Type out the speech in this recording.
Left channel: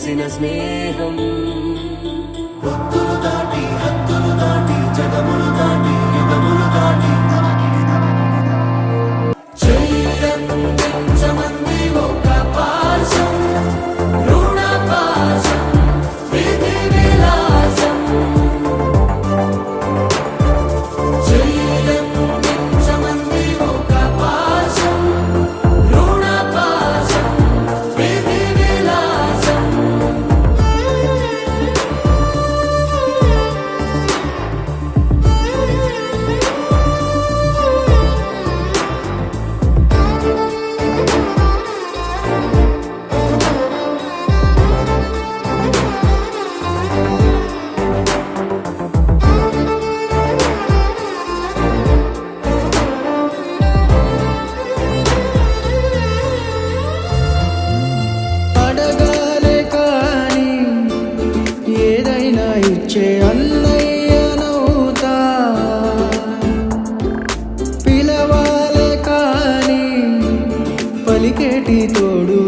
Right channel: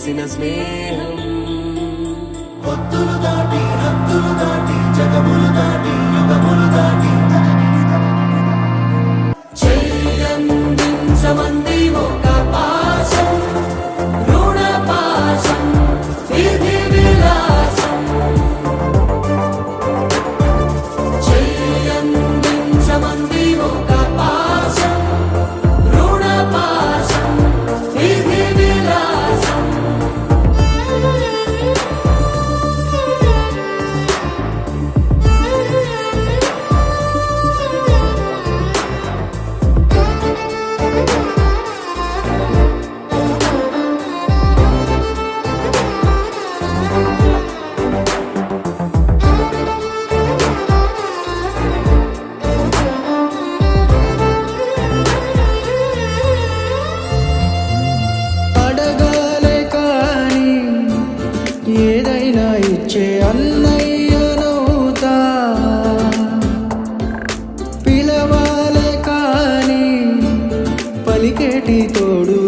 కలిసిన స్నేహం హద్దులు దాటి జగములు దాటి యుగములు దాటి చెయ్యందించమంది ఒక పాశం రుణ పాశం విధి విలాసం చెయ్యందించమంది ఒక పాశం రుణ పాశం విధి విలాసం అడగాలే కాని ఏదైనా ఇచ్చే అన్నయ్యనవుతా పిలవాలే కాని పలికేటి తోడు